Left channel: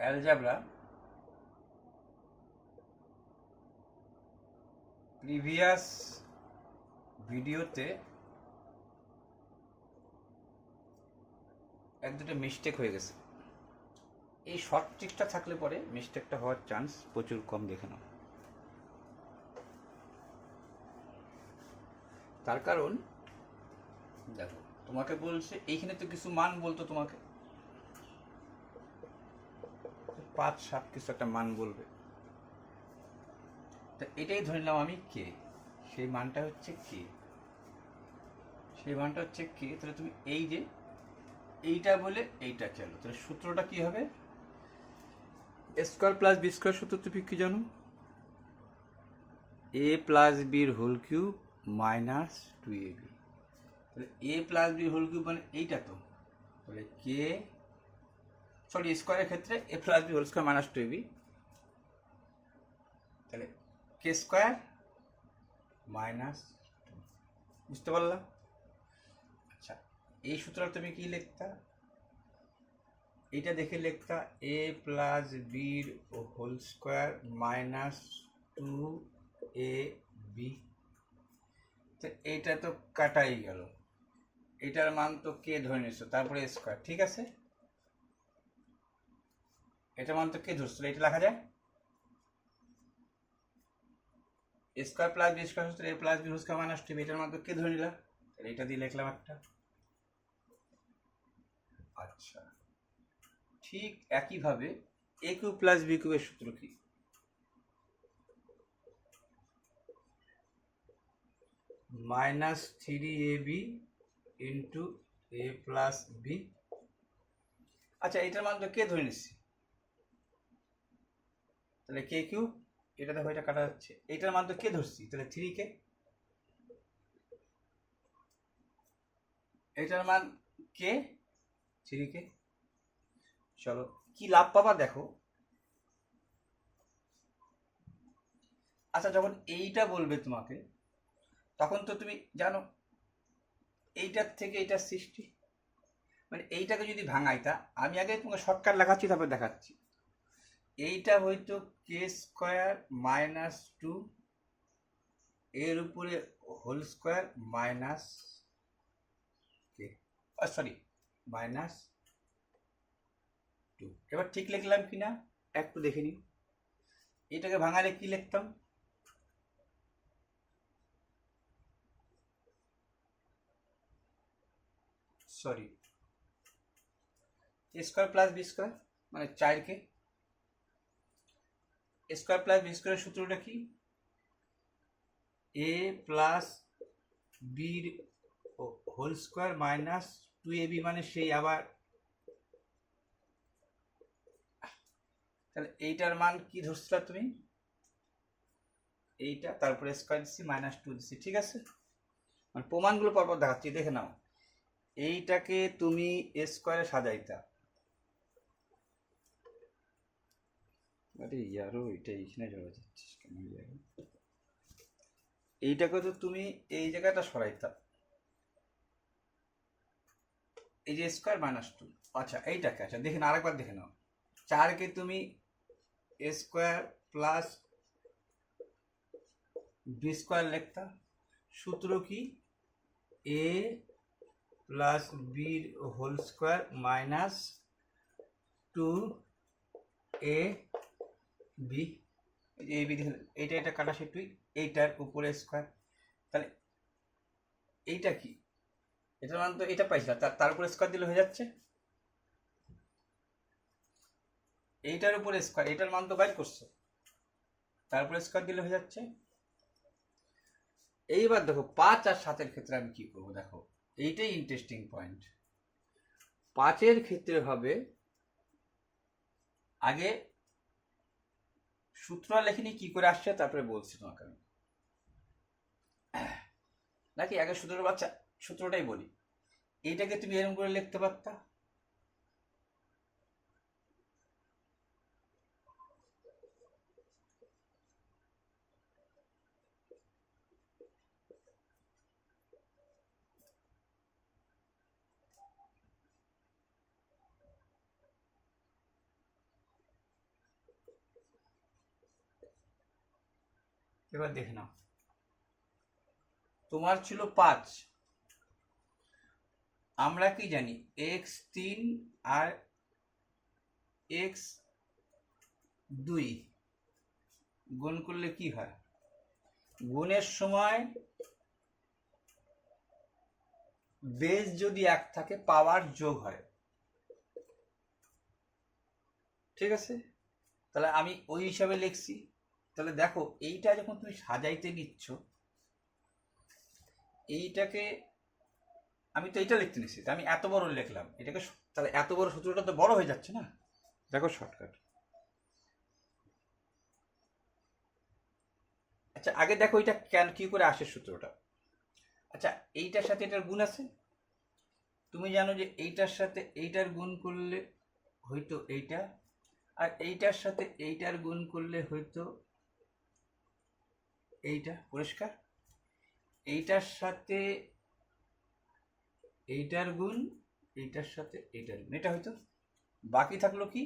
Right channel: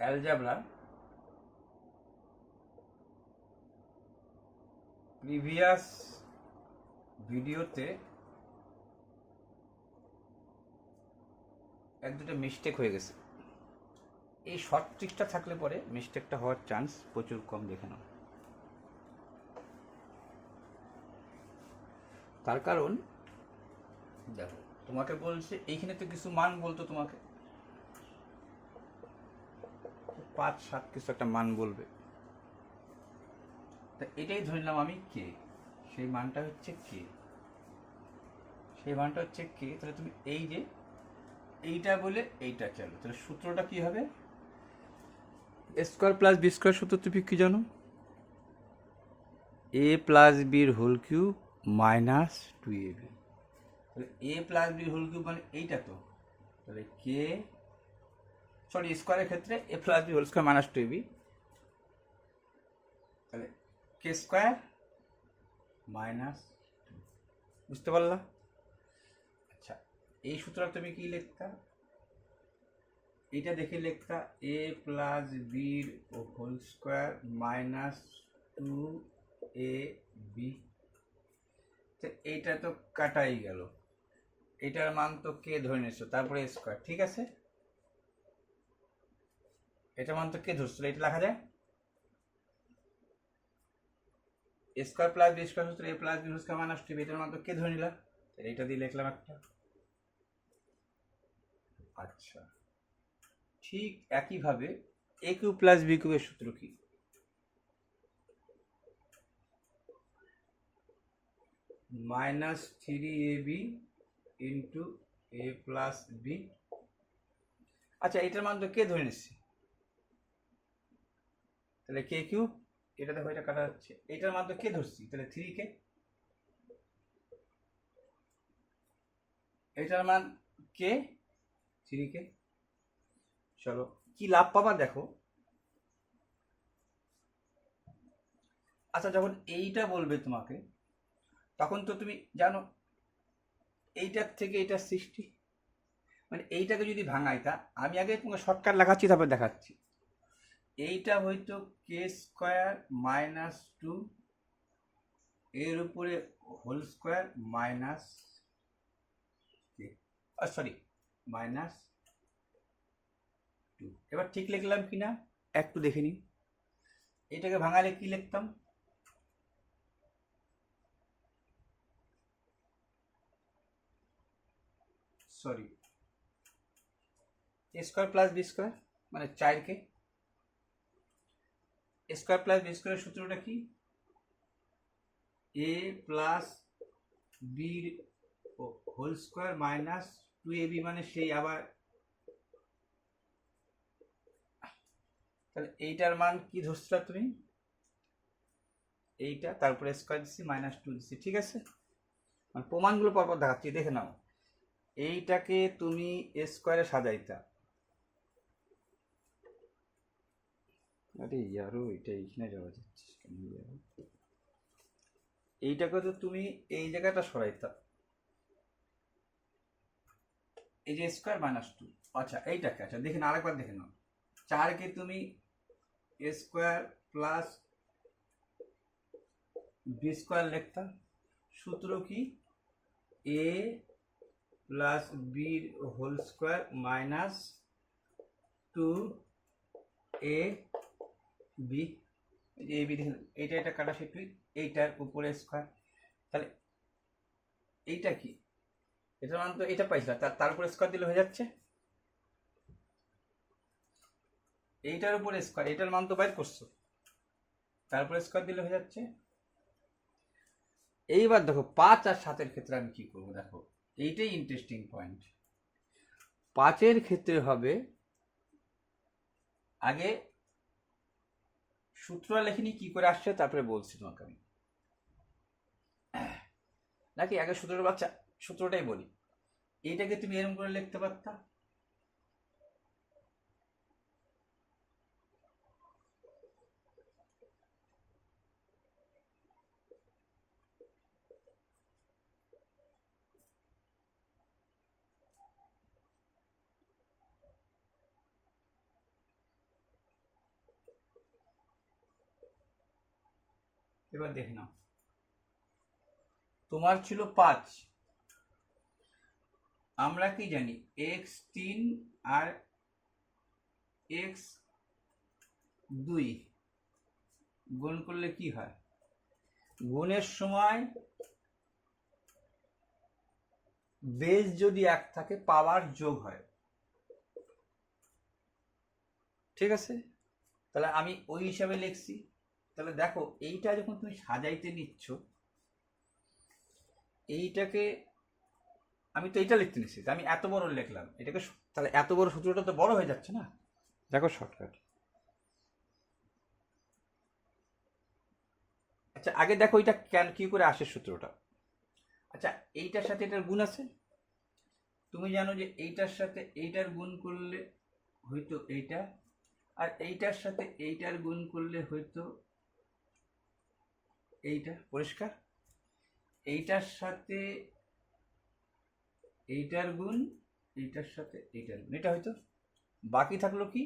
Algebra previous ভিডিওতে এক দুটো মিস্টেক হয়ে গেছে। এই শর্ট ট্রিকটা থাকলে পরে মিস্টেকটা হওয়ার চান্স প্রচুর কম, দেখে নাও। তার কারণ দেখো, তোমাকে বলছে এইখানে তো কিছু মান বলতো, তোমাকে 5 7 কিছু একটা মান বলবে, তা এটাই ধরে নিলাম আমি কে, সেই মানটা হচ্ছে কে, তাহলে তুমি এই যে এইটা বলে এইটা চলো, তাহলে সূত্রটা কি হবে? স্কোয়ার প্লাস বি স্কোয়ার সূত্র তুমি কি জানো? এ প্লাস বির হোল কিউব মাইনাস 2ab। তাহলে এ প্লাস বির হোল কিউব মানে এইটা তো, তাহলে কে সরি স্কোয়ারের ক্ষেত্রে A plus B whole square minus 2ab, তাহলে কে স্কোয়ার মাইনাস 2। বুঝতে পারলা? আচ্ছা, এই সূত্রটা তুমি কি লিখতা? এটা দেখে লিখতা এ প্লাস বির হোল স্কোয়ার মাইনাস 2ab। তো এইটা তো কাটাই গেল, এটার মান তো কে ধরে নিচ্ছ, তারপরে স্কোয়ার, ঠিক আছে, এটার মান তো কে ধরছিল, এটা লেখা যায় স্কোয়ার প্লাস বি স্কোয়ার সূত্র A plus B whole square minus 2ab, এটার মান তো কে ধরে নিলাম, তাহলে এটা দিয়ে লিখলাম একটা। আচ্ছা, ঠিক একইভাবে এ কিউ প্লাস বি কিউবের সূত্র কি? মাইনাস 3ab ইন্টু এ প্লাস বি। আচ্ছা, এটার মান তো কে ধরে নিচ্ছি, তাহলে কে কিউব, এটা দেখো এটা কাটা যাচ্ছে, এটার মান তো কে ধরছি, তাহলে 3কে, এটার মান কে 3কে। চলো কি লাভ পাবা দেখো। আচ্ছা, যখন এইটা বলবে তোমাকে, তখন তো তুমি জানো এইটার থেকে এটা সৃষ্টি, মানে এইটাকে যদি ভাঙাই, তা আমি আগে তোমাকে শর্টকাট লেখাচ্ছি তারপরে দেখাচ্ছি। এইটা হয়তো কে স্কোয়ার মাইনাস 2 এর উপরে হোল স্কোয়ার মাইনাস কে, সরি মাইনাস 2। এবার ঠিক লিখলাম কিনা একটু দেখে নিন। এটাকে ভাঙালে কি লিখতাম? সরি, এ স্কোয়ার প্লাস বি স্কোয়ার মানে 4কে, স্কোয়ার প্লাস বি স্কোয়ারের সূত্রটা কি? এ প্লাস বির হোল স্কোয়ার মাইনাস 2ab, মানে সেই আবার, তাহলে এইটার মান কি ধরছিলা তুমি? এইটা, তারপরে স্কোয়ার দিচ্ছি মাইনাস 2 দিচ্ছি, ঠিক আছে, মানে প্রমাণগুলো পরপর দেখাচ্ছি, দেখে নাও। এইটাকে তুমি স্কোয়ারে সাজাইতা, আরে ইয়ারও এটা এইখানে যাওয়া যাচ্ছিস কেন, এইটাকে তো তুমি এই জায়গাটা সরাইতা, এই যে স্কোয়ার মাইনাস 2। আচ্ছা এইটাকে, আচ্ছা দেখে নাও, আরেকবার দেখে নাও। 4কে তুমি স্কোয়ার প্লাস বি স্কোয়ার লিখতা, সূত্র কি? এ প্লাস বির whole square minus 2a B. এই বি দেখে, এইটা এটা কাটা সে তুই, এইটার উপরে স্কোয়ার, তাহলে এইটা কি, এটার মান তো এটা পাইছিল, তার উপরে স্কোয়ার দিলে হয়ে যাচ্ছে, এইটার উপরে স্কোয়ার, এটার মান তো বাইর করছো, তারপরে স্কোয়ার দিলে হয়ে যাচ্ছে। এইবার দেখো 5 আর 7-এর ক্ষেত্রে আমি কি করবো, দেখো এইটাই ইন্টারেস্টিং পয়েন্ট। 5-এর ক্ষেত্রে হবে, আগে সূত্র লেখিনি কি করে আসছে, তারপরে বলছি তোমাকে আমি, নাকি আগে সূত্রটাই বলি। এইটাকে তুমি এরকম করে লিখতে পারতা, এবার দেখে নাও, তোমার ছিল 5, আমরা কি জানি x3 আর x2 গুণ করলে কি হয়? গুণের সময় বেস যদি 1 থাকে পাওয়ার যোগ হয়, ঠিক আছে? তাহলে আমি ওই হিসাবে লিখছি। তাহলে দেখো এইটা যখন তুমি সাজাইতে নিচ্ছ, এইটাকে আমি তো এইটা লিখতে নিচ্ছি, আমি এত বড় লিখলাম এটাকে, তাহলে এত বড় সূত্রটা তো বড় হয়ে যাচ্ছে না। দেখো শর্টকাট। আচ্ছা আগে দেখো এটা কেন কি করে আসে সূত্রটা। আচ্ছা এইটার সাথে এটার গুণ আছে, তুমি জানো যে এইটার সাথে এইটার গুণ করলে হয়তো এইটা, আর এইটার সাথে এইটার গুণ করলে হয়তো এইটা, পরিষ্কার। এইটার সাথে এইটার গুণ, এইটার সাথে এইটার গুণ, এটা হয়তো। বাকি থাকলো কি,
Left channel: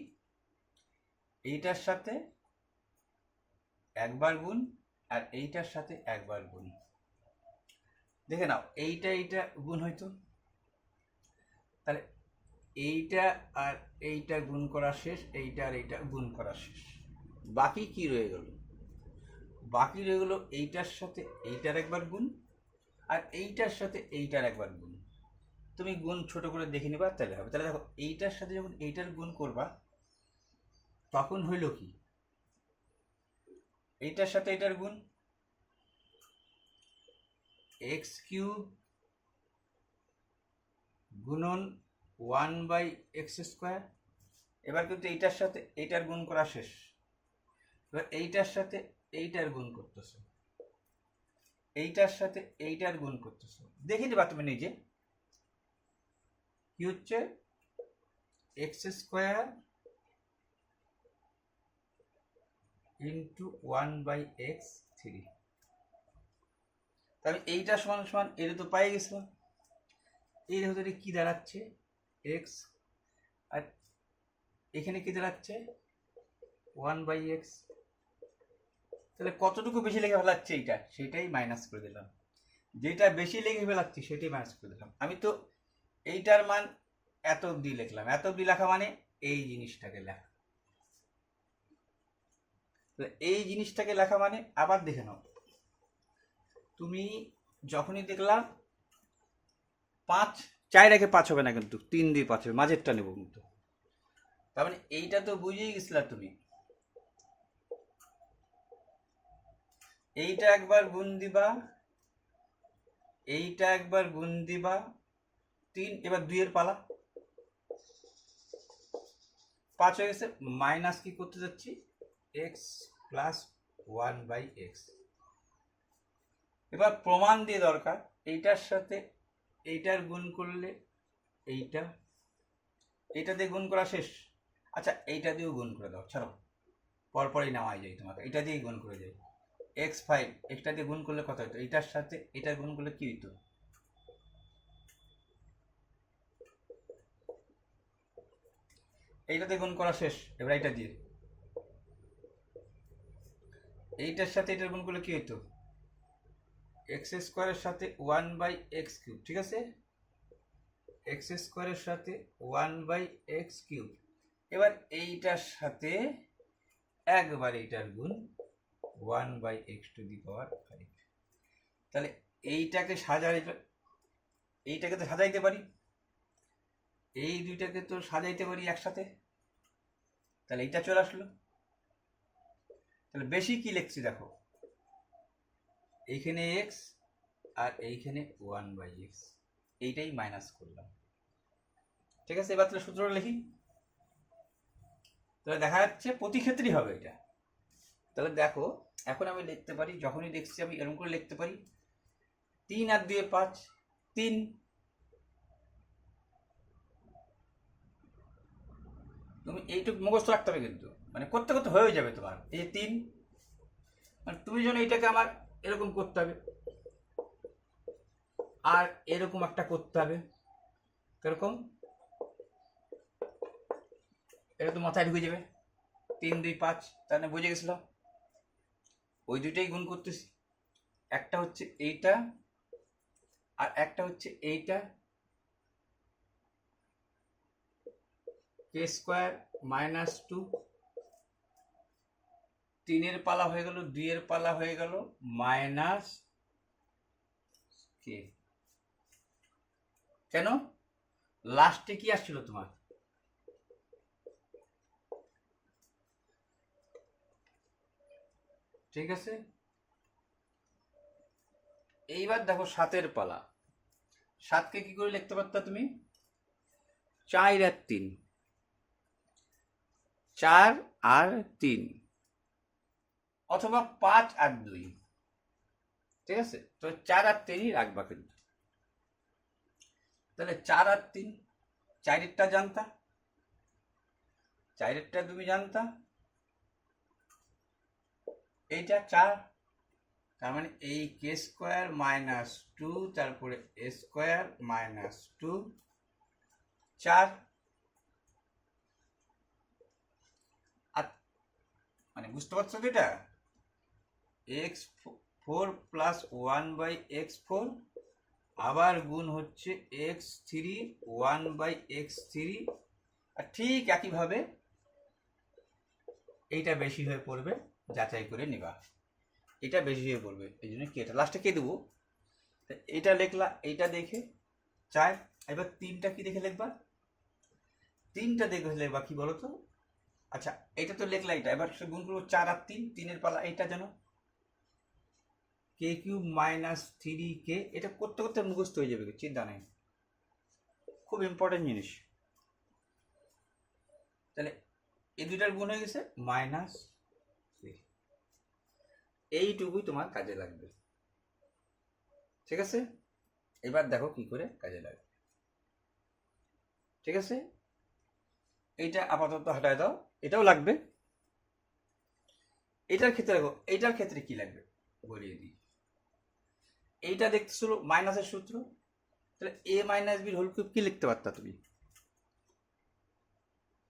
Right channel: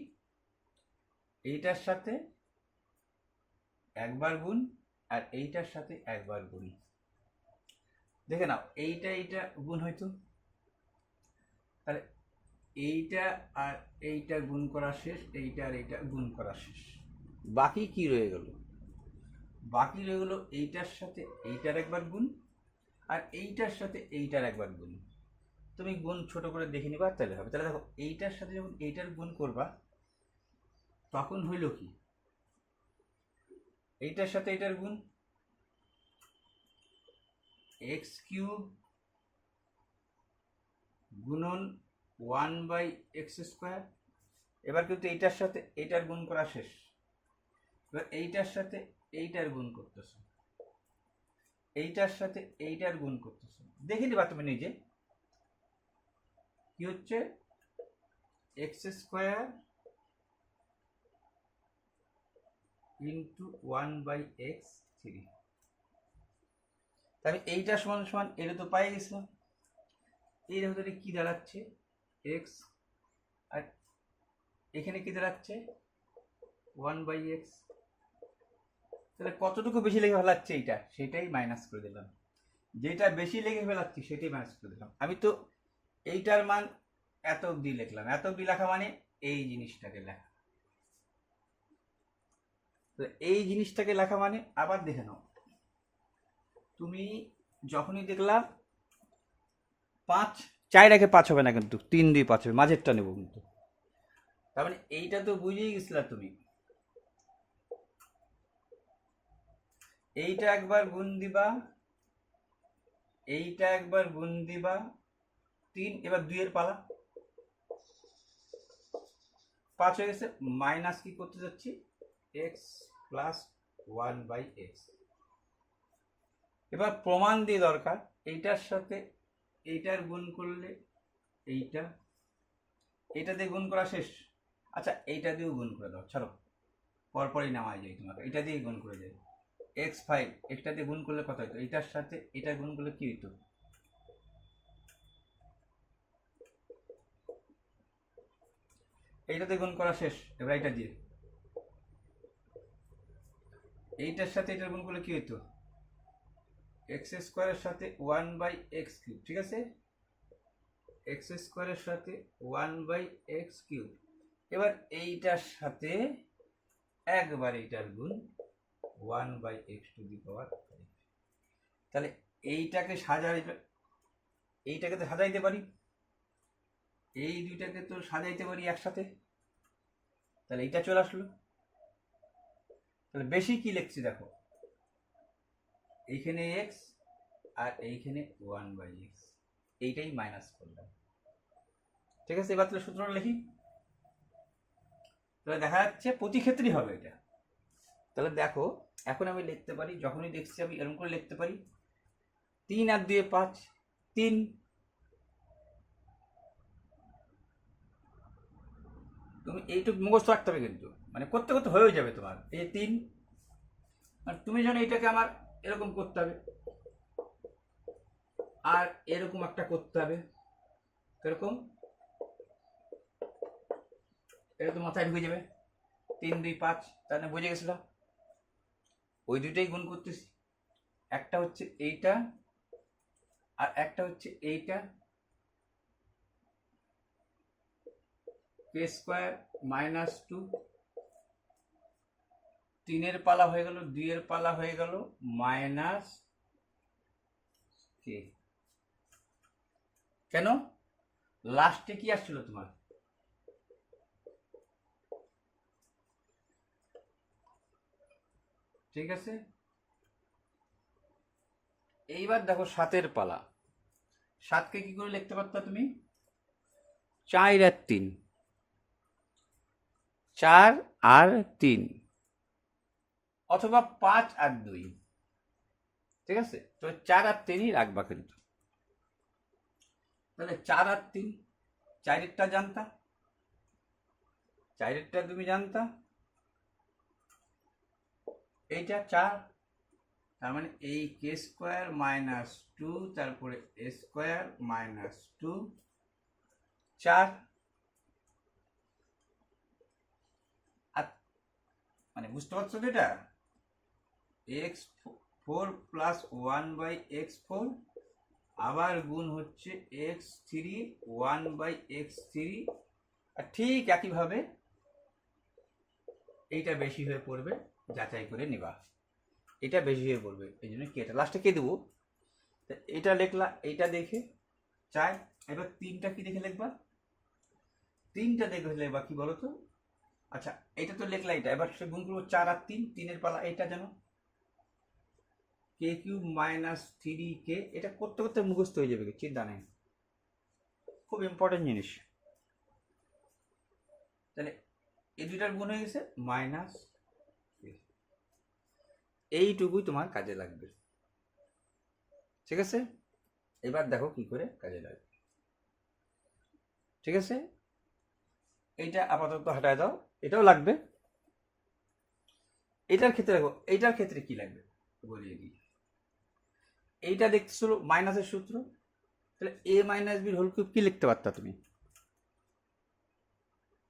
এইটার সাথে একবার গুণ আর এইটার সাথে একবার গুণ। দেখে নাও এইটা এইটা গুণ হয়তো, তাহলে এইটা আর এইটা গুণ করা শেষ, এইটা আর এইটা গুণ করা শেষ। বাকি কি রয়ে গেল? বাকি রয়ে গেল এইটার সাথে এইটার একবার গুণ আর এইটার সাথে এইটার একবার গুণ। তুমি গুণ ছোট করে দেখে নিবা, তাহলে হবে। তাহলে দেখো এইটার সাথে যখন এইটার গুণ করবা তখন হইল কি, এইটার সাথে এইটার গুণ x³ গুণন 1/x²। এবার কিন্তু এইটার সাথে এইটার গুণ করা শেষ, এবার এইটার সাথে এইটার গুণ করতেছো, এইটার সাথে এইটার গুণ করতেছো, দেখে নিবা তুমি নিজে কি হচ্ছে, x² ইন্টু 1/x3। তাহলে এইটা সমান সমান এটা তো পাই গেছিলাম, এর ভিতরে কি দাঁড়াচ্ছে x, আর এখানে কি দাঁড়াচ্ছে 1/x। তাহলে কতটুকু বেশি লেগে ফেলাচ্ছে এইটা, সেটাই মাইনাস করে দিলাম। যেটা বেশি লেগে ফেলাচ্ছি সেটাই মাইনাস করে দিলাম। আমি তো এইটার মান এত অব্দি লিখলাম, এত অব্দি লেখা মানে এই জিনিসটাকে লেখা। তো এই জিনিসটাকে লেখা মানে আবার দেখে নাও, তুমি যখনই দেখলাম 5, 4 আগে 5 হবে না কিন্তু 3 দিয়ে 5 হবে, মাঝেরটা নেব কিন্তু। তার মানে এইটা তো বুঝেই গেছিলা তুমি, এইটা একবার গুণ দিবা, এইটা একবার গুণ দিবা 3, এবার 2 এর পালা, 5 হয়ে গেছে, মাইনাস কি করতে যাচ্ছি x প্লাস 1/x। এবার প্রমাণ দিয়ে দরকার, এইটার সাথে এইটার গুণ করলে এইটা, এইটা দিয়ে গুণ করা শেষ। আচ্ছা এইটা দিয়েও গুণ করে দাও, ছাড়ো পরপরই নেওয়া যায় তোমাকে, এটা দিয়েই গুণ করে যাই। x5 একটা দিয়ে গুণ করলে কত হতো, এইটার সাথে এটা গুণ করলে কি হইতো, এইটাতে গুণ করা শেষ। এবার এইটা দিয়ে এইটার সাথে এটা গুণ করলে কি হইতো, x² এর সাথে 1/x³, ঠিক আছে, x² এর সাথে 1/x³। এবার এইটার সাথে একবার এইটার গুণ 1/x⁵। তাহলে এইটাকে এইটাকে তো সাজাইতে পারি, এই দুইটাকে তো সাজাইতে পারি একসাথে, তাহলে এইটা চলে আসলো। তাহলে বেশি কি লিখছি দেখো, এইখানে x আর এইখানে 1/x, এইটাই মাইনাস করলাম, ঠিক আছে। এবার তাহলে সূত্রটা লিখি, তাহলে দেখা যাচ্ছে প্রতি ক্ষেত্রেই হবে এটা। তাহলে দেখো এখন আমি লিখতে পারি, যখনই দেখছি আমি এরকম করে লিখতে পারি, 3 আর 2 5, 3। তুমি এইটুকু মুখস্থ রাখতে হবে কিন্তু, মানে করতে করতে হয়ে যাবে তোমার। এই 3, মানে তুমি যেন এইটাকে আমার এরকম করতে হবে আর এরকম একটা করতে হবে, এরকম, এটা তো মাথায় ঢুকে যাবে। 3 2 5, তাহলে বুঝে গেছিল। ওই দুইটাই গুণ করতেছি, একটা হচ্ছে এইটা আর একটা হচ্ছে এইটা, কে স্কোয়ার মাইনাস 2, 3-এর পালা হয়ে গেল, 2-এর পালা হয়ে গেল মাইনাস কে। কেন? লাস্টে কি আসছিল তোমার? ঠিক আছে, এইবার দেখো 7-এর পালা। 7কে কি করে লিখতে পারতা তুমি? 4 আর 3, 4 আর 3, অথবা 5 আর 2। ঠিক আছে, তো 4 আর 3ই রাখবা কিন্তু। তাহলে 4 আর 3, 4-এরটা জানতা, 4-এরটা তুমি জানতা, এইটা 4, তার মানে এই কে স্কোয়ার মাইনাস 2, তারপরে এ স্কোয়ার মাইনাস 2, 4। আর মানে বুঝতে পারছো তো, এটা x4 প্লাস 1/x4 আবার গুণ হচ্ছে x3 1/x3, আর ঠিক একইভাবে এইটা বেশি হয়ে পড়বে, যাচাই করে নিবা। এটা বেশি হয়ে পড়বে, এই জন্য কি এটা লাস্টে কে দেবো, এটা লিখলা এইটা দেখে 4। এবার 3টা কি দেখে লিখবা? 3টা দেখে লিখবা কি বলো তো? আচ্ছা, এটা তো লিখলা, এটা এবার সে গুণ করবো 4 আর 3, 3-এর পালা এইটা জানো, কে কিউব মাইনাস 3k। এটা করতে করতে মুখস্থ হয়ে যাবে, চিন্তা নেই, খুব ইম্পর্টেন্ট জিনিস। তাহলে এই দুইটার গুণ হয়ে গেছে মাইনাস, এইটুকুই তোমার কাজে লাগবে। ঠিক আছে, এবার দেখো কি করে কাজে লাগবে। ঠিক আছে, এইটা আপাতত হটায় দাও, এটাও লাগবে। এটার ক্ষেত্রে দেখো, এইটার ক্ষেত্রে কি লাগবে বলিয়ে দিই। এইটা দেখতেছিল মাইনাসের সূত্র, তাহলে এ মাইনাস বির হোল কিউব কি লিখতে পারতা তুমি?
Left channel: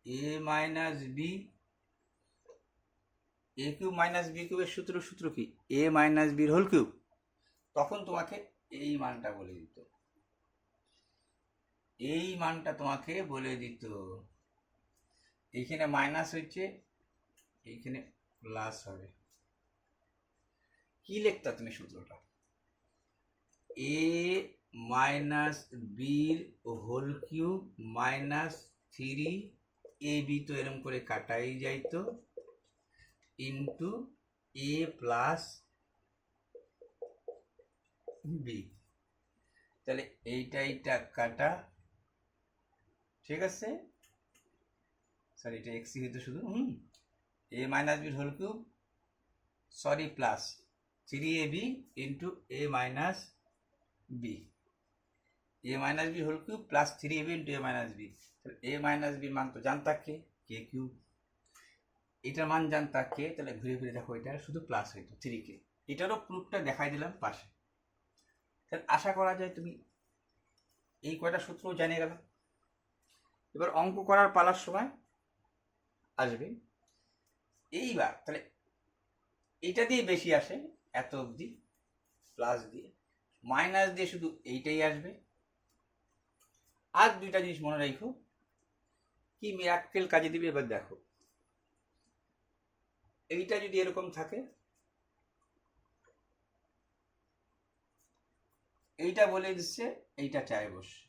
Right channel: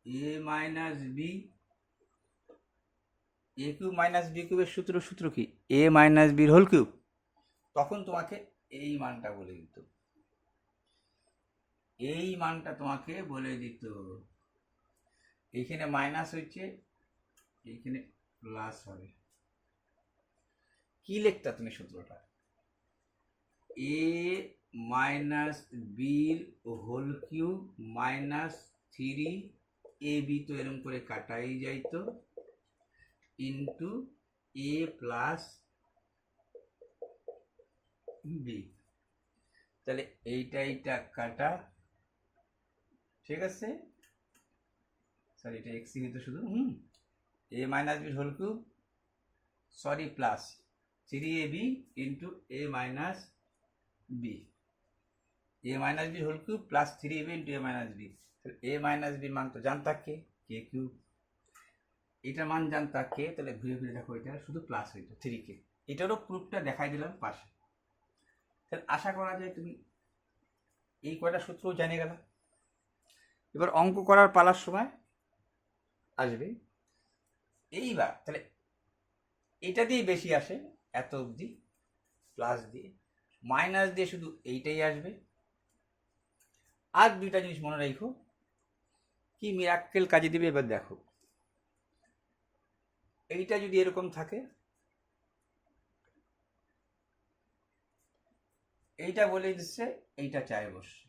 এ মাইনাস বি, এ কিউব মাইনাস বি কিউবের সূত্র কি? এ মাইনাস বির হোল কিউব। তখন তোমাকে এই মানটা বলে দিত, এই মানটা তোমাকে বলে দিত। এইখানে মাইনাস হচ্ছে, এইখানে প্লাস হবে। কি লিখতা তুমি সূত্রটা? এ মাইনাস বির হোল কিউব মাইনাস 3ab, তো এরকম করে কাটাই যাইতো, ইন্টু এ প্লাস বি। তাহলে এইটা কাটা, ঠিক আছে, সরি এটা এক্স হইতো শুধু, এ মাইনাস বির whole cube, sorry plus 3ab into A minus B, A minus B whole cube plus 3ab into A minus B. তাহলে এ মাইনাস বির মান তো জানতা কে কিউব, এটার মান জানতা কে, তাহলে ঘুরে ঘুরে দেখো এটা শুধু প্লাস হইতো 3k। এটারও প্রুফটা দেখাই দিলাম পাশে। তাহলে আশা করা যায় তুমি এই কয়টা সূত্রও জেনে গেল। এবার অঙ্ক করার পালার সময় আসবে। এইবার তাহলে এইটা দিয়ে বেশি আসে এত অবধি, প্লাস দিয়ে, মাইনাস দিয়ে শুধু এইটাই আসবে। আর দুইটা জিনিস মনে রাখো, কি মিরাক্কেল কাজে দিবে এবার দেখো। এইটা যদি এরকম থাকে, এইটা বলে দিচ্ছে এইটা চায় বসছে,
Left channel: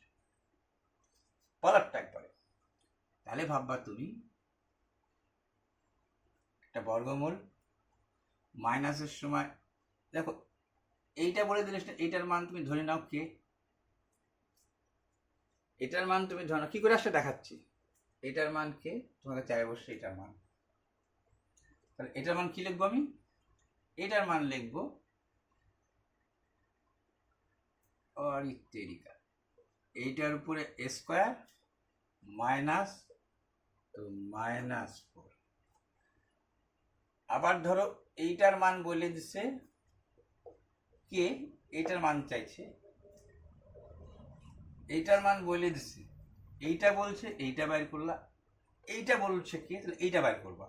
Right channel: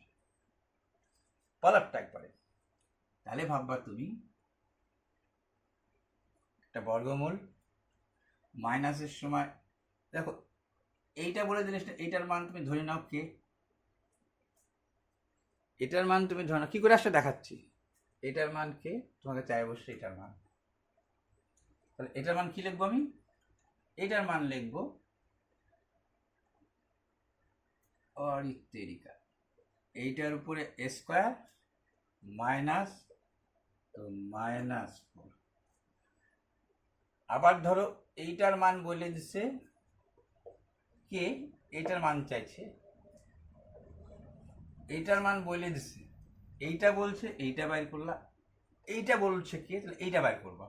পলারটা একবারে। তাহলে ভাববা তুমি একটা বর্গমূল মাইনাসের সময়, দেখো এইটা বলে দিলে এইটার মান তুমি ধরে নাও কে, এটার মান তুমি ধরে নাও, কি করে আসলে দেখাচ্ছি, এটার মান কে, তোমাকে চায় বসছে এটার মান। তাহলে এটার মান কি লিখবো আমি? এটার মান লিখবো অরিত্তেরিকা, এইটার উপরে স্কোয়ার মাইনাস, তো -4। আবার ধরো এইটার মান বলে দিচ্ছে কে, এইটার মান চাইছে, এইটার মান বলে দিচ্ছে, এইটা বলছে এইটা বাইর করলা, এইটা বলছে কে, তাহলে এইটা বাইর করবা।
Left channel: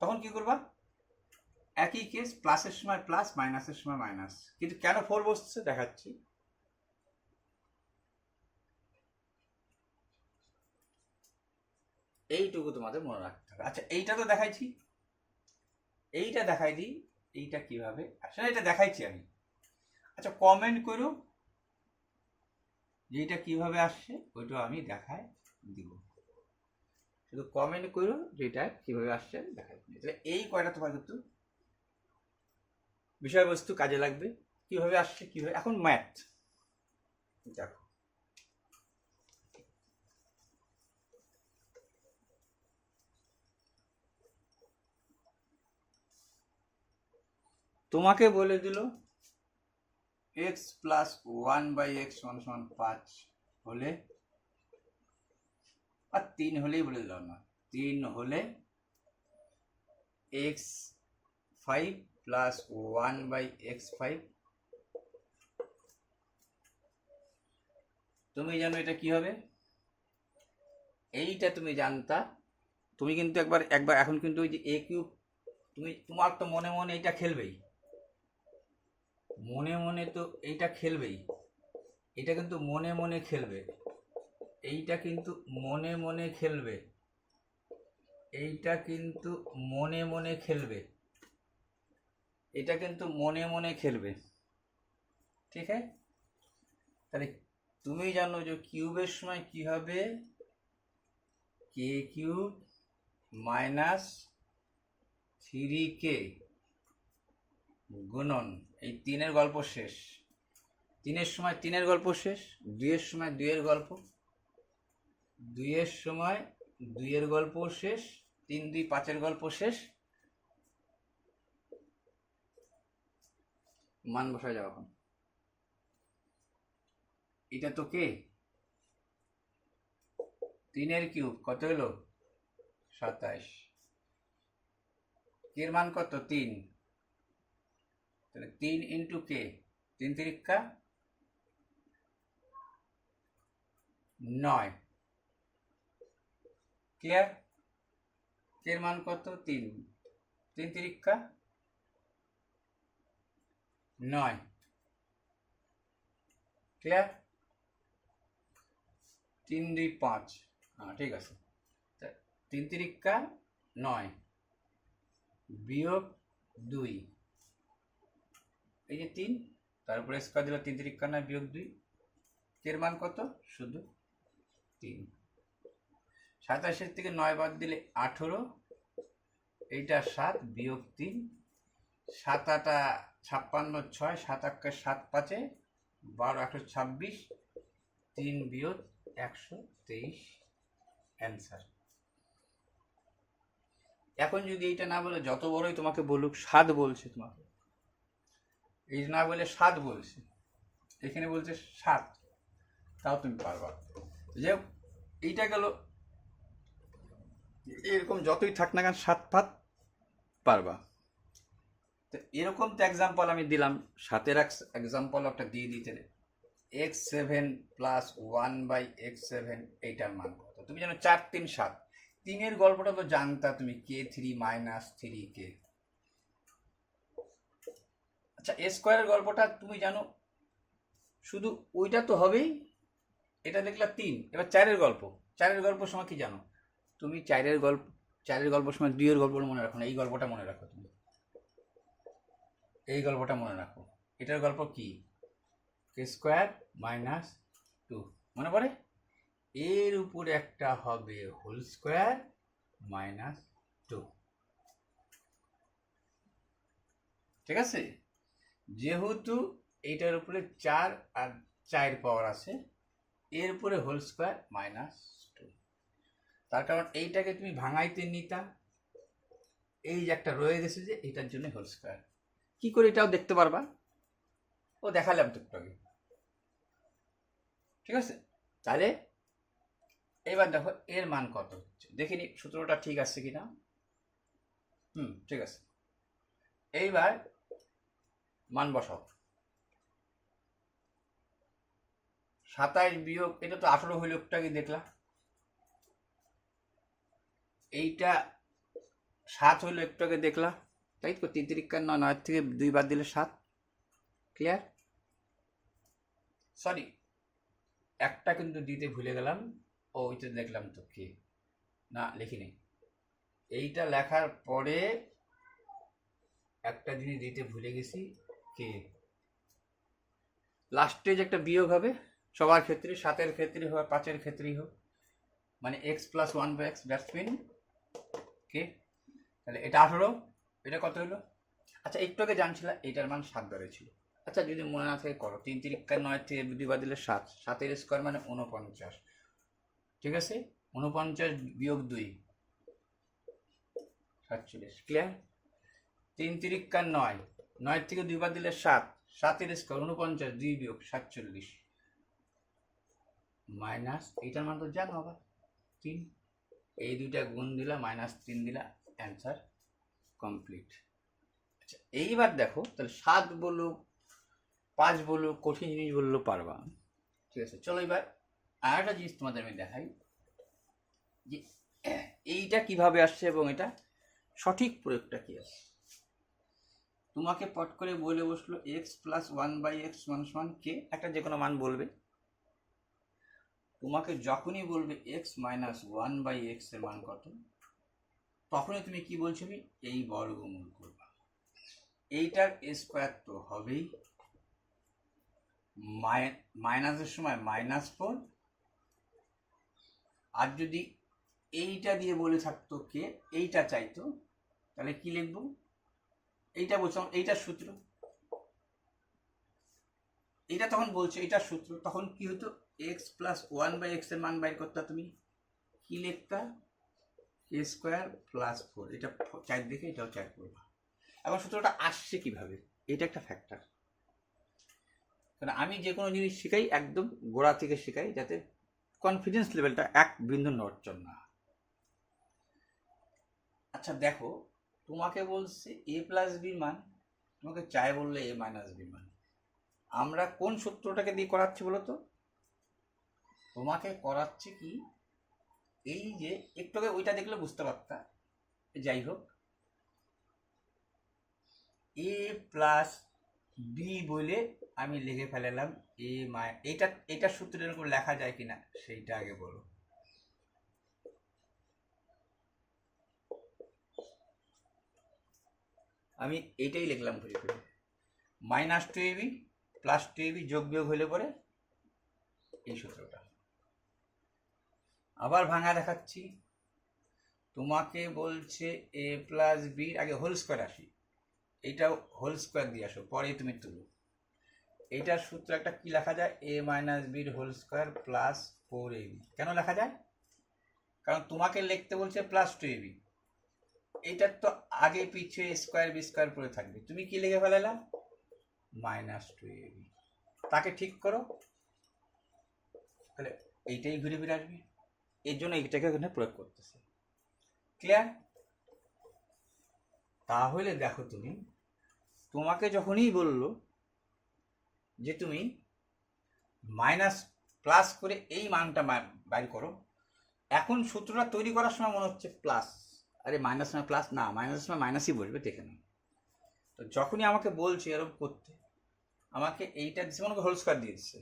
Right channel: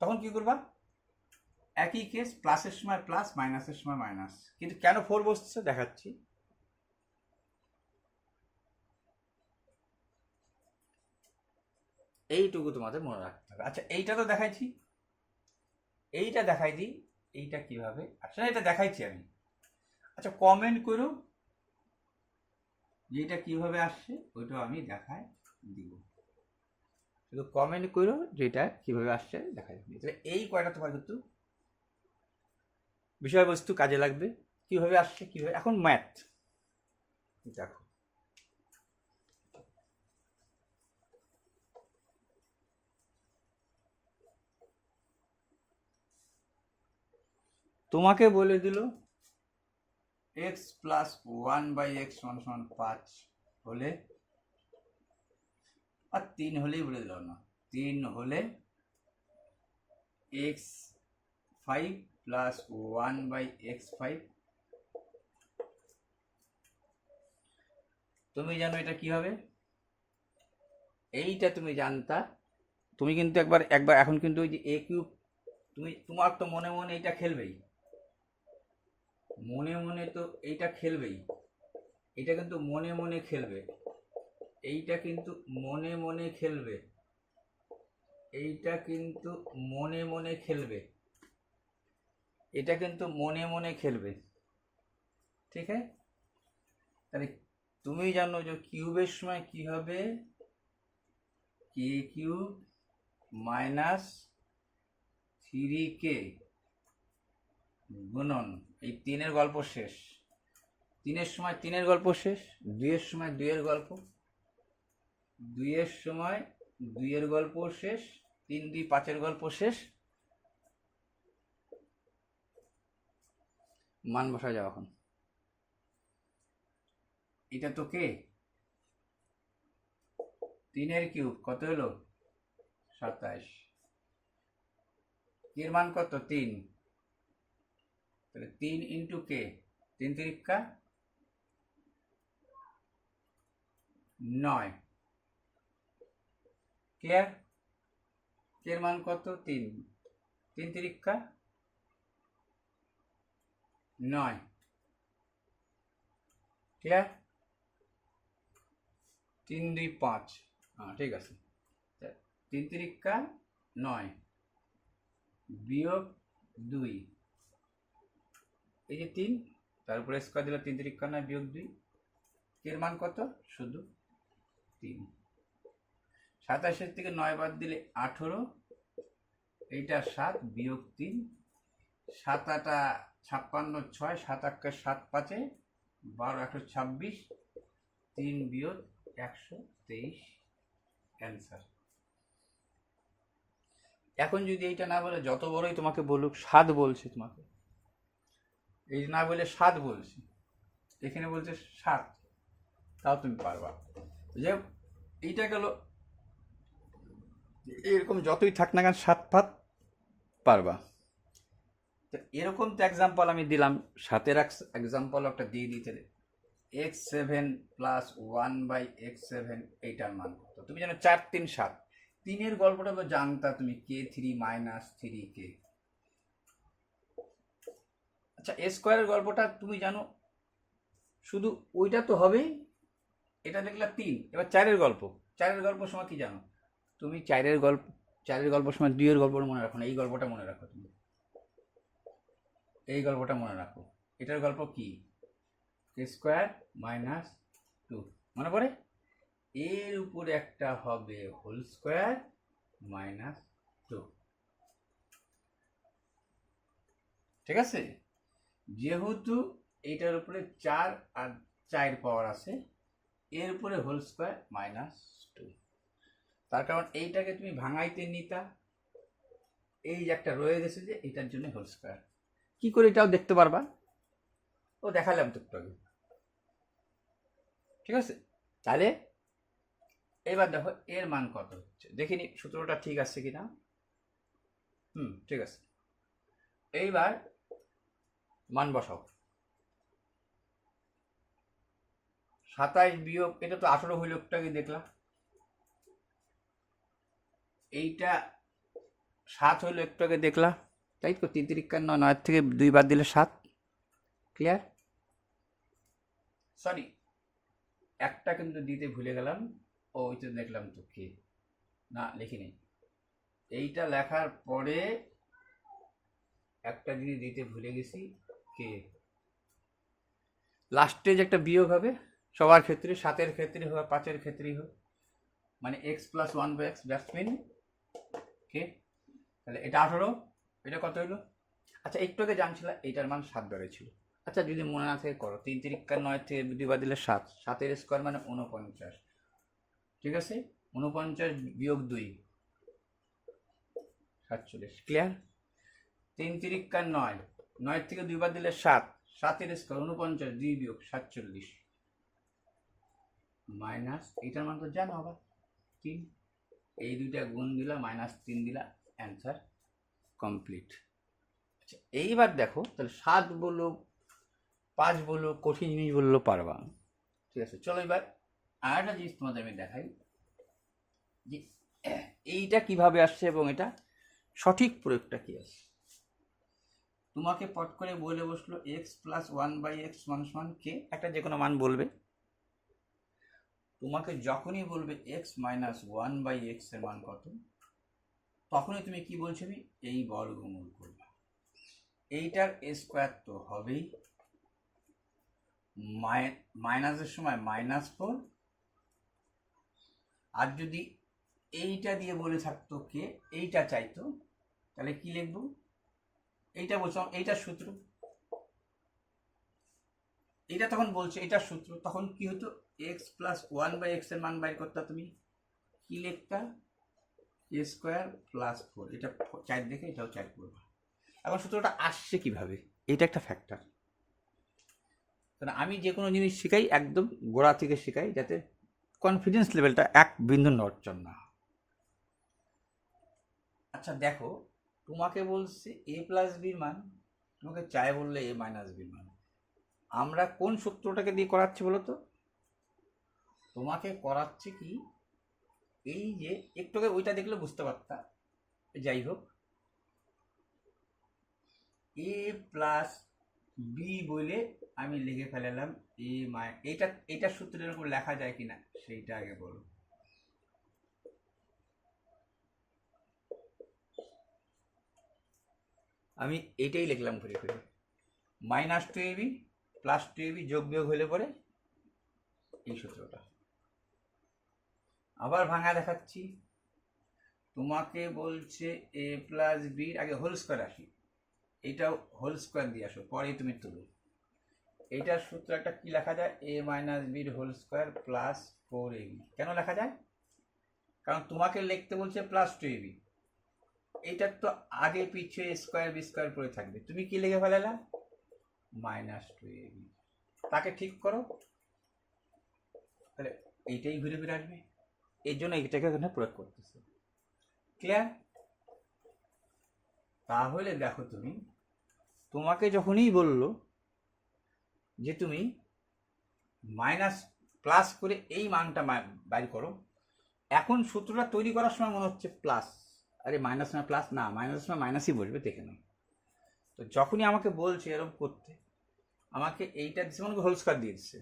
তখন কি করবা? একই কেস, প্লাসের সময় প্লাস, মাইনাসের সময় মাইনাস। কিন্তু কেন 4 বসছে দেখাচ্ছি। এইটুকু তোমাদের মনে রাখতে হবে। আচ্ছা, এইটা তো দেখাইছি, এইটা দেখাই দিই, এইটা কিভাবে আসলে এটা দেখাইছি আমি। আচ্ছা, কমেন্ট করো যেটা কিভাবে আসছে, ওইটাও আমি দেখাই দিব। শুধু কমেন্ট করো যেটা কিভাবে আসছে দেখাই দিব। তাহলে এই কয়টা তোমার কিন্তু বিষয়বস্তু কাজে লাগবে, কিভাবে আসছে, কিভাবে। এখন ম্যাথ দেখো, তোমাকে বলে দিল এক্স প্লাস 1/x = 5 হলে, আর 3 হলেই বলে দিলাম না, 3 হলে x5 প্লাস 1/x5। তুমি জানো এটা কি হবে, এইটা তুমি জানতা। তুমি কিন্তু একবার একবার এখন কিন্তু ওই যে a কিউব, তোমার তো মনে মনে এইটা খেলবেই, মনে মনে তো এইটা খেলবেই, এটা কিন্তু মনে মনে খেলবে, এইটা কিন্তু মনে মনে খেলবে, এইটা কিন্তু মনে মনে খেলবে, এটা কিন্তু মনে মনে খেলবে, ঠিক আছে। তাহলে তুমি জানো যে কিউবের সময় কি হবে, কে কিউব মাইনাস 3k গুণন এই 3-এর গল্প শেষ, 3-এর সময় 3-এর গল্প শেষ, 2-এর সময় 2-এর গল্প, 2-এর সময় 2-এর গল্প শেষ, 3 2 5-এর গল্প শেষ। মান বসা যাও এখন। এটা তো কে, 3-এর কিউব কত হলো 27, কের মান কত 3, তাহলে 3 ইন্টু কে, 3 তিরিক্কা 9, ক্লিয়ার। কের মান কত 3, 3 তিরিক্কা 9, ক্লিয়ার। 3 2 5, হ্যাঁ ঠিক আছে। 3 তিরিক্কা 9 বিয়োগ 2, এই যে 3, তারপরে স্কোয়ার দিলে 3 তিরিক্কা 9 বিয়োগ 2, কের মান কত শুধু 3। 27-এর থেকে 9 বাদ দিলে 18, এইটা 7 বিয়োগ 3, 7 8 56 6, 7 8 7 5 12 126, 3 বিয়োগ 123 অ্যান্সার। এখন যদি এইটা না বলে, যত বড়ই তোমাকে বলুক 7 বলছে তোমাকে, এই না বলে 7 বলছে, এখানে বলছে 7, তাও তুমি পারবা। যে এইটা গেল, এরকম যতই থাক না কেন 7 5 পারবা। তো এরকম তো এক্সাম্পল আমি দিলাম, 7-এর এক্সাম্পল একটা দিয়ে দিতে, x7 প্লাস 1/x7, এইটার মান কত তুমি জানো 4 3 7, 3-এর গল্পটা তো জানতা তুমি, k3 মাইনাস 3k। আচ্ছা, a স্কোয়ারের গল্পটা তুমি জানো, শুধু ওইটা তো হবেই, এটা দেখলা 3। এবার 4-এর গল্প, 4-এর গল্প সময় কি জানো তুমি, 4-এর গল্প সময় 2-এর গল্প মনে রাখো না, এই গল্পটা মনে রাখো তুমি, এই গল্পটা মনে রাখো। এটার গল্প কি, কে স্কোয়ার মাইনাস 2, মনে পড়ে, এর উপরে একটা হবে হোল স্কোয়ার মাইনাস 2, ঠিক আছে। যেহেতু এইটার উপরে 4 আর 4 পাওয়ার আছে, এর উপরে হোল স্কোয়ার মাইনাস 2, তার কারণ এইটাকে তুমি ভাঙাইতে নিতা, এই যে একটা রয়ে গেছে যে এটার জন্য হোল স্কোয়ার। কি করে এটাও দেখতে পারবা, ও দেখালাম তো একটু আগে, ঠিক আছে। তাহলে এবার দেখো এর মান কত হচ্ছে, দেখিনি সূত্রটা ঠিক আছে কিনা। ঠিক আছে। এইবার মান বসাও, 27 বিয়োগ, এটা তো 18 হইল একটু আগে দেখলাম, এইটা 7 হইল একটু আগে দেখলা, তাই তো, 3 3 9, 9 থেকে 2 বাদ দিলে 7। ক্লিয়ার? সরি, একটা কিন্তু দিতে ভুলে গেলাম। ওইটা দেখলাম তো কি না লিখি নেই। এইটা লেখার পরে একটা জিনিস দিতে ভুলে গেছি, কে লাস্টে যে একটা বিয়োগ হবে সবার ক্ষেত্রে, 7-এর ক্ষেত্রে হোক 5-এর ক্ষেত্রেই হোক, মানে x + 1/x, দ্যাটস মিন কে। তাহলে এটা 18, এটা কত হলো? আচ্ছা, একটু আগে জানছিলাম এইটার মান 7 ধরেছিল। আচ্ছা, যদি মনে না থাকে করো, 3 3 9 থেকে 2 বাদ দিলে 7, 7-এর স্কোয়ার মানে 49। ঠিক আছে, 49 বিয়োগ 2, 47। ক্লিয়ার? 3 3 9, 9 থেকে 2 বাদ দিলে 7, 7-এর স্কোয়ার 49, 2 বিয়োগ 47 মাইনাস এইটার মান তো জানো আবার 3, এই দুইটা গুণ দিলা -3 দিলা, অ্যান্সার কমপ্লিট। আচ্ছা, এইবার দেখো তাহলে 7 বলো 5 বলো কঠিন জিনিস বললো পারবা। ঠিক আছে, চলো এবার আর একটা জিনিস তোমাদের আমি দেখাই যে এইটা কিভাবে আসছে এবং এটা সঠিক প্রয়োগটা কি আছে। তোমাকে পট করে বলে বসলো x + 1/x = কে, একটা যে কোনো মান বলবে। তোমাকে যখনই বলবে x - 1/x এর মান কত, তখনই তুমি কি বলছো, এই বর্গমূল করবা। এইটার স্কোয়ার তো হবেই, মাইনাসের সময় -4। আর যদি এইটা দিয়ে বলে থাকতো কে, এইটা চাইতো, তাহলে কি লিখবো? এইটা বলছিলাম এইটার সূত্র, এটা তখন বলছে এটার সূত্র, তখন কি হতো, x + 1/x এর মান বাইর করতে তুমি কি লিখতা, a² + 4, এটা 4 দেখে এটাও 4 করবা। এখন সূত্রটা আসছে কিভাবে, এটা একটা ফ্যাক্টর। কারণ আমি যে কোনো জিনিস শিখাই একদম গোড়া থেকে শিখাই, যাতে কনফিডেন্স লেভেলটা এক বিন্দু নড়চড় না। আচ্ছা দেখো, তোমাকে বলছে a + b মান, তোমাকে চাই বললে a - b মান। আমরা কোন সূত্রটাকে দিয়ে করাচ্ছি বলো তো? তোমাকে করাচ্ছে কি, এই যে একটু আগে ওইটা দেখলে বুঝতে পারতা। যাই হোক, a + b বলে আমি লিখে ফেলালাম এটা সূত্রের উপর লেখা যায় কিনা সেইটা আগে বলো। আমি এইটাই লিখলাম ঘুরে ঘুরে, -2ab + 2ab যোগ বিয়োগ হলে পরে এই সূত্রটা। আবার ভাঙা দেখাচ্ছি, তোমাকে বলছে a + b আগে হোল স্কোয়ার আসি, এইটাও হোল স্কোয়ার দিয়ে আসো, পরেই তুমি তুলো। এইটার সূত্র একটা কি লেখা যায়, a - b whole square + 4ab। কেন লেখা যায়? কারণ তোমাকে লিখতে বলছে +2ab, এইটার তো আগে পিছিয়ে স্কোয়ার বি স্কোয়ার পড়ে থাকবে, তুমি কি লিখে ফেলালা, -2ab। তাকে ঠিক করো, তাহলে এইটাই ঘুরে ফিরে আসবে। এই জন্য এইটাকে এখানে প্রয়োগ করতেছে। ক্লিয়ার? তাহলে দেখো, তোমাকে যখনই বললো যে তুমি মাইনাস প্লাস করে এই মানটা বাইর করো, এখন সূত্রটা তৈরি করার সময় মনে হচ্ছে প্লাস, আরে মাইনাস না প্লাস, না মাইনাস না মাইনাসই বলবে, দেখে নাও। তো যখনই আমাকে বলছে এরকম করতে, আমাকে এইটা দিচ্ছে, মনে হোল স্কোয়ার দিয়ে দিচ্ছে,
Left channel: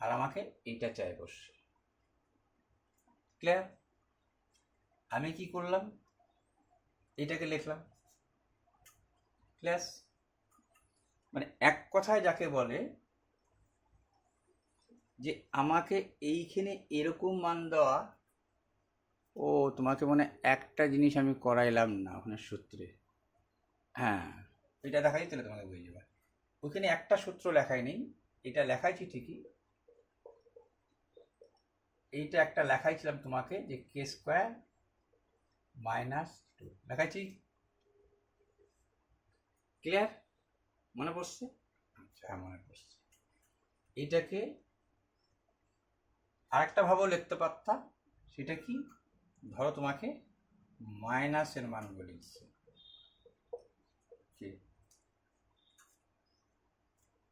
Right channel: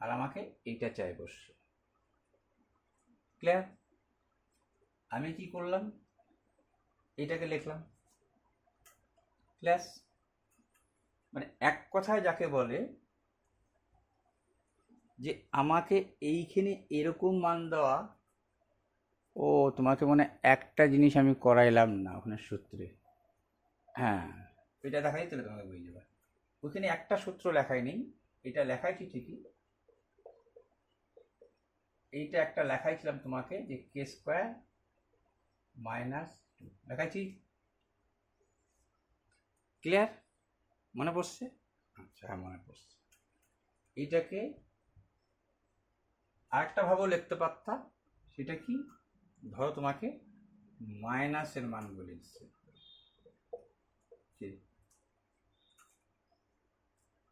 আর আমাকে এইটা চাই বসছে। ক্লিয়ার? আমি কি করলাম, এইটাকে লিখলাম প্লাস, মানে এক কথায় যাকে বলে যে আমাকে এইখানে এরকম মান দেওয়া। ও তোমাকে মনে একটা জিনিস আমি করাইলাম না ওখানে সূত্রে, হ্যাঁ এটা দেখাই, তাহলে তোমাকে বুঝে যাবে। ওইখানে একটা সূত্র লেখাই নেই, এটা লেখাইছি ঠিকই, এইটা একটা লেখাইছিলাম তোমাকে যে k² - 2 লেখাইছি। ক্লিয়ার? মনে পড়ছে? আচ্ছা, হ্যাঁ মনে পড়ছে। এইটাকে আরেকটা ভাবেও লিখতে পারতা, সেটা কি, ধরো তোমাকে মাইনাসের মান বলে দিচ্ছে,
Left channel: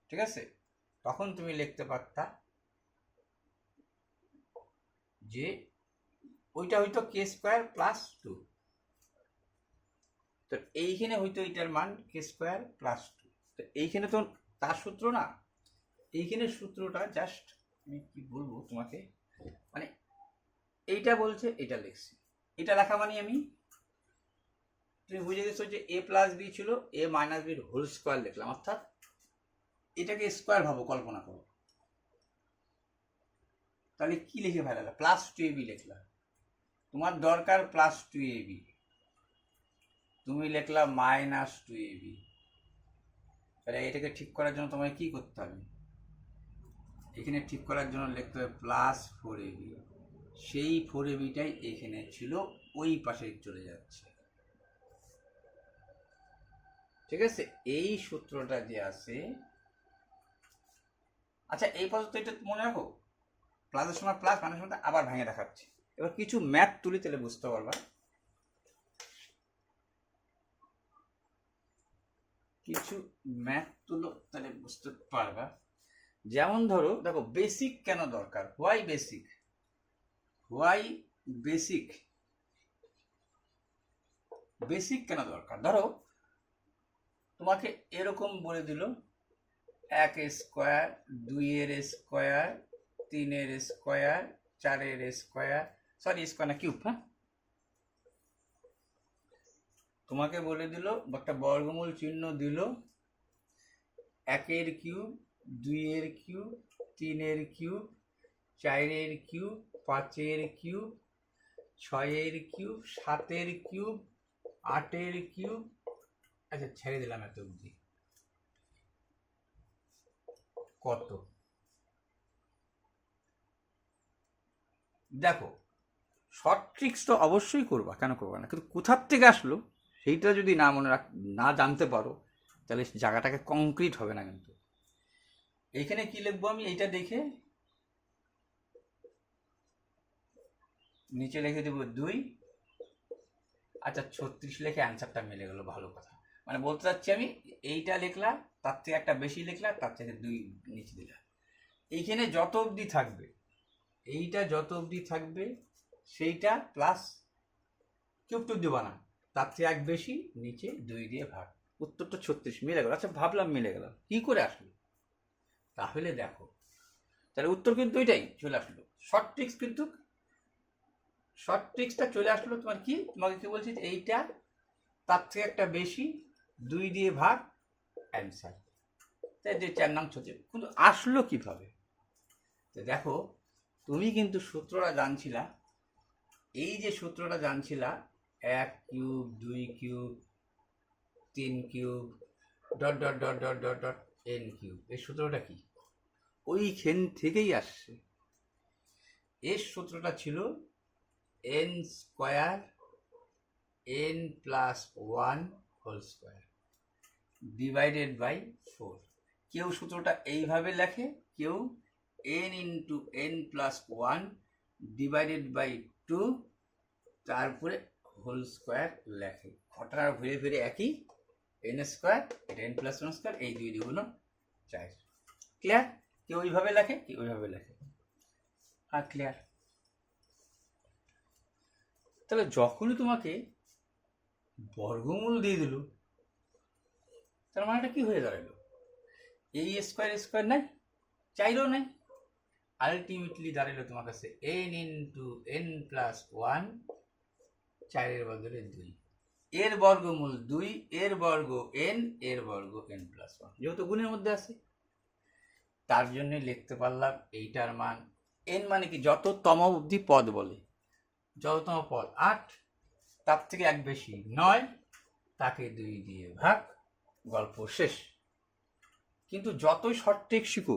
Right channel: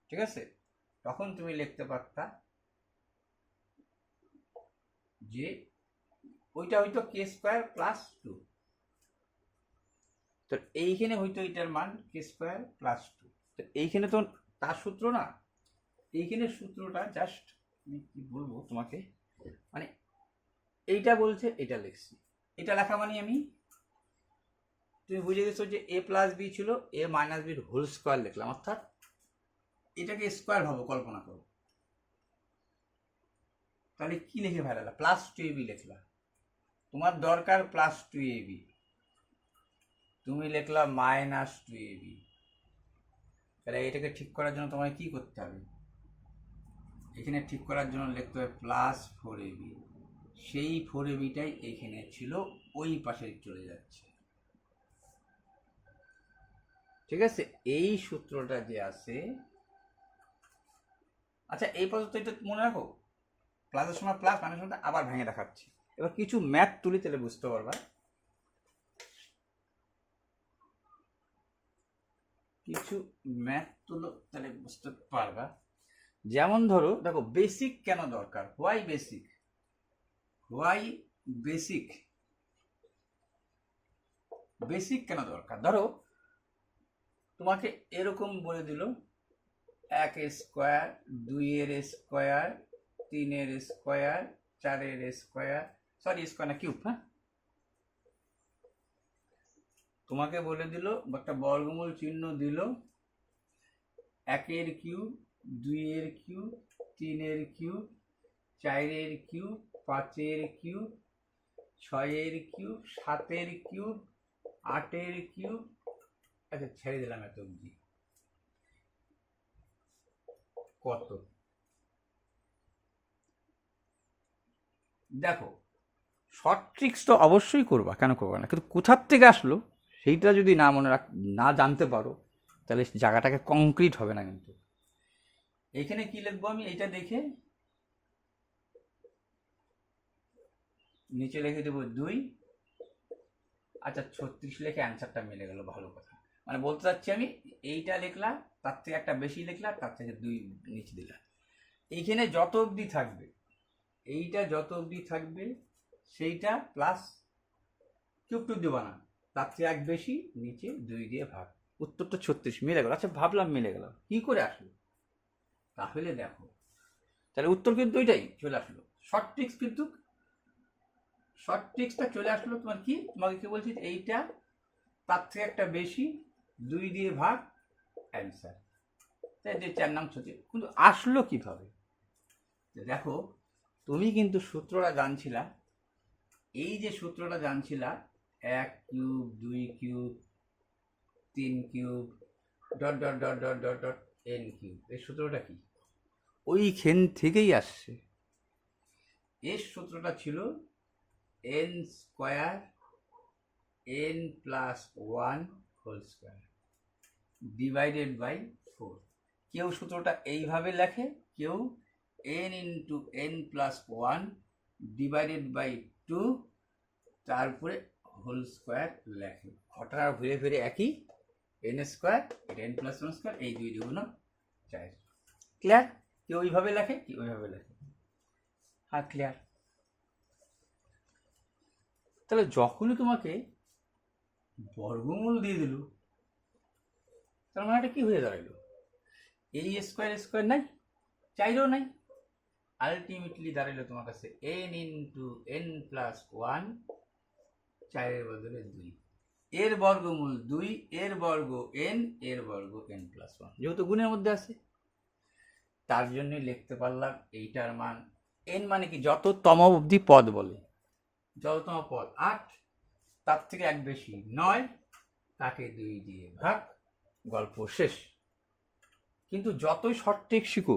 ঠিক আছে, তখন তুমি লিখতে পারতা যে ওইটা হয়তো k² + 2, তো এইখানে হয়তো এটার মান কে স্কোয়ার প্লাস টু। তো এইখানে তো তার সূত্র না, এইখানে সূত্রটা জাস্ট আমি কি বলবো তোমাকে, মানে এইটা বলছে এটা লিখছি, এটা লেখা মানে আমি, তুমি বুঝে গেছো যে এ প্লাস বি ছিল, এ মাইনাস বির হোল স্কোয়ার লিখলাম, অর্থাৎ এটাকে স্কোয়ার ভাবো, কল্পনা করো। তাহলে কি লিখে ফেলালা? প্লাস টু এ বি লিখলাম, তোমার দরকার প্লাস টু এ বি, তুমি লিখলা মাইনাস টু এ বি। তাহলে এটাকে ঠিক করার জন্য তোমায় কি করতে হবে? এখানে ঠিক করার জন্য লিখতে হবে প্লাস ফোর এ বি। সেই ফোর এ বিটাই এখানে ছিল, ওই পাশে চলে যাচ্ছে। ঠিক আছে, এই সূত্রটা যে আছে, আচ্ছা এই পর্যন্ত এটা মনে রাখো, প্লাসের সময় প্লাস, মাইনাসের সময় আবার ভেঙে দেখাচ্ছি। এবার কিছু ম্যাথ তুলি, তাহলে বুঝতে পারবা, কিছু ম্যাথ তুলো তাহলে বুঝতে পারবা। যেমন ধরো, দেখো বেসিক কেন দরকার, why basic, why basic, basic কেন দরকার? ধরো তোমাকে এরকম বলে দিল এক স্কোয়ার, দুইয়ের স্কোয়ার, তিনের স্কোয়ার, চারের স্কোয়ার, সরি স্কোয়ার না কিউব, হ্যাঁ, তোমাকে বলে দিল একটা বর্গমূল চিহ্ন দিল, একের কিউব, দুইয়ের কিউব, তিনের কিউব, চারের কিউব, পাঁচের কিউব, ছয়ের কিউব, সাতের কিউব, আটের কিউব, আচ্ছা ছেড়ে দিলাম এত অবধি, কত? দেখো শর্ট ট্রিক্স তো অবশ্যই করবা, কেন করবা না, কিন্তু কোথার থেকে আসলো সেইটা যদি না মনে রাখ, না জানতে পারো, তাহলে জায়গাটাকে কংক্রিট হবে না। কিন্তু এখানে কি লিখবো আমি, এইটা দেখে নিচে লিখে দেবো 2, আচ্ছা 36 লিখে অ্যান্সারটা মিলে গেল, ভালো কথা। মানে বলতে চাচ্ছি আমি, এইটা লিখলাম, তার থেকে একটা বেশি লিখলাম, তার থেকে 2 নিচে দিলাম। এইখানে যত অবধি থাকবে, এইটা যত অবধি থাকবে সেইটা প্লাস, কিউব টু দেবো না, তার থেকে এক বেশি, নিচে 2 দিয়ে ভাগ, উত্তরটা 36 মিলে গেল। আচ্ছা ভাবলাম মিলে গেল, কি করে আসলো? তাহলে দেখো, তাহলে উত্তর কিন্তু ওইটাই চলে আসলো। শর্ট ট্রিক্স, কিন্তু শর্ট ট্রিক্সটা চলে আসলো তোমার কি, তোমাকে কি বলছি, এইটা তার থেকে একটা বেশি, 2 দিয়ে ভাগ, অ্যান্সার। তাই যে 4 নং হচ্ছে, কিন্তু আসলো কিভাবে? দেখো তুমি কিন্তু সূত্রটা জানছিলা, এই যে সূত্রটা জানছিলা, 1 cube, 2 cube, 3 cube, dot dot dot dot dot dot N cube, এই সূত্রটা কি ওইখান থেকেই আসছে। এর সূত্রটা ছিল N square, N plus 1 whole square divided by 4। কেউ সূত্রটা এইভাবে লেখে, কেউ N into N plus 1 divided by 2 তারপরে হোল স্কোয়ার লেখে। ঘটনা ঘুরে ফিরে একই, এন স্কোয়ার, এটা এন প্লাস 1 স্কোয়ার, এই 2 2 4। ক্লিয়ার? কেউ ওইভাবে লেখে, কি ওইভাবে লেখে। হ্যাঁ ক্লিয়ার? তাহলে যখনই তোমাকে বর্গমূল দিয়ে দিল, তার মানে এটা কি হয়ে দাঁড়ালো, এই স্কোয়ার স্কোয়ার নাই, চাইলেও নাই, আলটিমেটলি দাঁড়ালো তোমার কাছে এন ইন্টু এন প্লাস 1, 4-এর বদলে 2, এর বর্গমূল 2, এর বর্গ n, এর বর্গ n প্লাস 1, যেহেতু গুণের মধ্যে আছে, তার জন্য লিখতে পারলাম এইটার মান n, মানে কি যততম অবধি পদ বলে, যততম পদ 8, তার থেকে এক বেশি 9, তাকে 2 দিয়ে ভাগ, গল্প শেষ। কিন্তু যতই শর্ট ট্রিক্স শিখো,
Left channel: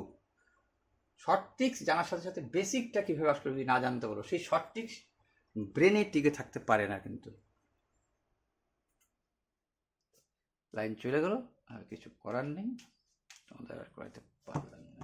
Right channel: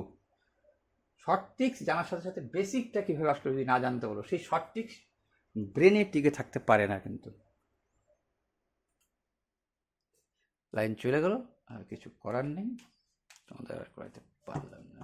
শর্ট ট্রিক্স জানার সাথে সাথে বেসিকটা কীভাবে আসলে যদি না জানতে পারো, সেই শর্ট ট্রিক্স ব্রেনে টিকে থাকতে পারে না। কিন্তু লাইন চলে গেল, আর কিছু করার নেই, তোমাদের আর করাইতে পারলাম না।